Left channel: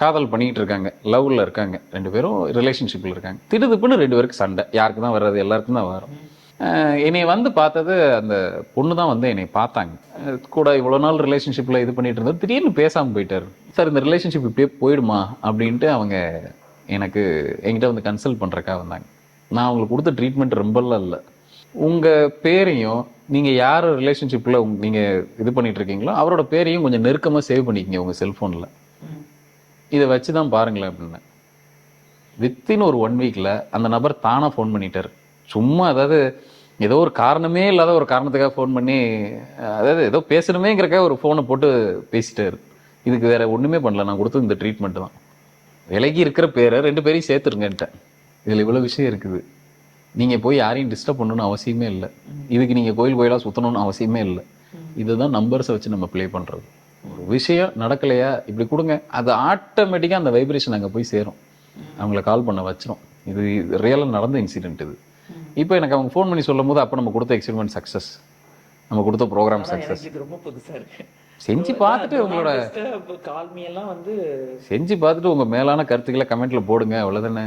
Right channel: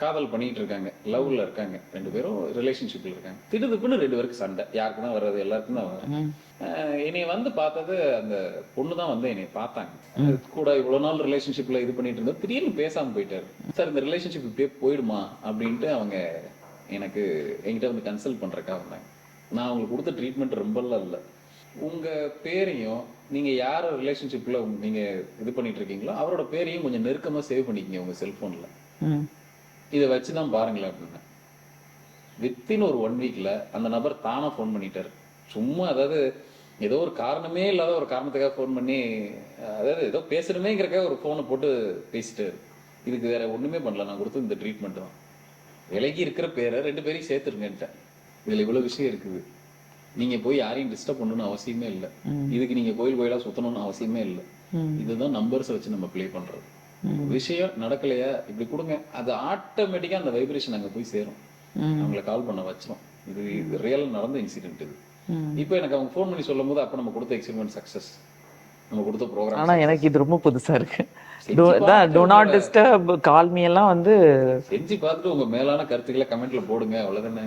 காதல் பண்ணிட்டு இருக்காங்க, லவ்ல இருக்காங்க, 2 பேரும் ரிலேஷன்ஷிப்ல இருக்காங்க. திடுதிப்புன்னு 2 பேருக்கு சண்டை. யாருக்கு தான் வர்றது, எல்லாருக்கும் தான் வரும். என்னை வந்து பார்த்தது அந்த பொண்ணு தான் வந்து என்னை பார்த்தாங்க. கூட இவ்வளோ நாள் ரிலேஷன்ஷிப்ல இது பண்ணிட்டு இருந்தது திடீர்னு பேசாமல் போயிட்டாரு. சார் இந்த ரிலேஷன்ஷிப் இப்படியே போயிடுமா அப்படின்ட்டு அவங்க எனக்கு என்கிட்ட வந்து கன்சல்ட் பண்ணுறக்கா வந்தாங்க. நான் அவங்களுக்கு கொடுத்த ட்ரீட்மெண்ட் ரொம்பலாம் இல்லை. உங்கள் பேரையும் நீங்கள் யார் ரிலேஷன்ஷிப்பில் நீங்கள் இது பண்ணிட்டு இருக்கீங்களோ அவரோட பேரையும் கொஞ்சம் நெருக்கமாக சேவ் பண்ணிக்கங்க உங்கள் செல்ஃபோனில். இதை வச்சு தான் பாருங்களேன் அப்படின்னு. வித்தின் ஒரு 1 வீக்கில் அந்த நபர் தானாக ஃபோன் பண்ணிட்டார். சும்மா அதாவது ஏதோ ஒரு காரணமே இல்லாத ஒரு காரணத்துக்காக ஃபோன் பண்ணி, அதாவது ஏதோ பேசணுமேங்கிறக்காக ஒரு ஃபோனை போட்டு பேசிட்டாரு. இதுக்கு வேற ஒன்றுமே பண்ணல. நான் கொடுத்தது இந்த ட்ரீட்மெண்ட் தான். விலகி இருக்கிற பேரை 2 பேரையும் சேர்த்துருங்கன்ட்டேன். இதில் இவ்வளோ விஷயம் இருக்குது. நீங்கள் போய் யாரையும் டிஸ்டர்ப் பண்ணணும்னு அவசியமே இல்லை. இதுக்கு நீங்கள் கோயிலாக சுற்றணும்னு அவசியமே இல்லை. இதுதான் நம்பர்ஸை வச்சு நம்ம ப்ளே பண்ணுறது. விஷயம் நடக்கலையா இப்படி கொடுங்க, அது ஆட்டோமேட்டிக்காக அந்த வைப்ரேஷன் அங்கே போய் சேரும். அவங்கள கால் பண்ண வச்சிரும். இது ரியலாக நடந்த இன்சிடென்ட் இது. இப்போ எனக்கு அவங்க ஃபோன் பண்ணி சொல்லும் போது அப்போ நம்ம கொடுத்த எக்ஸ்பெரிமெண்ட் சக்ஸஸ், நம்ம கொடுத்த ப்ரோக்ராம். ஆனால் எனக்கு இது ரொம்ப புதுசாக இருக்கு. செஞ்சு Do not disturb, call me எல்லாம் வந்து செஞ்சு பார்த்துட்டு உங்கள் மேலான கருத்துக்களை கமெண்ட்ல போடுங்க, அவ்வளோதானே.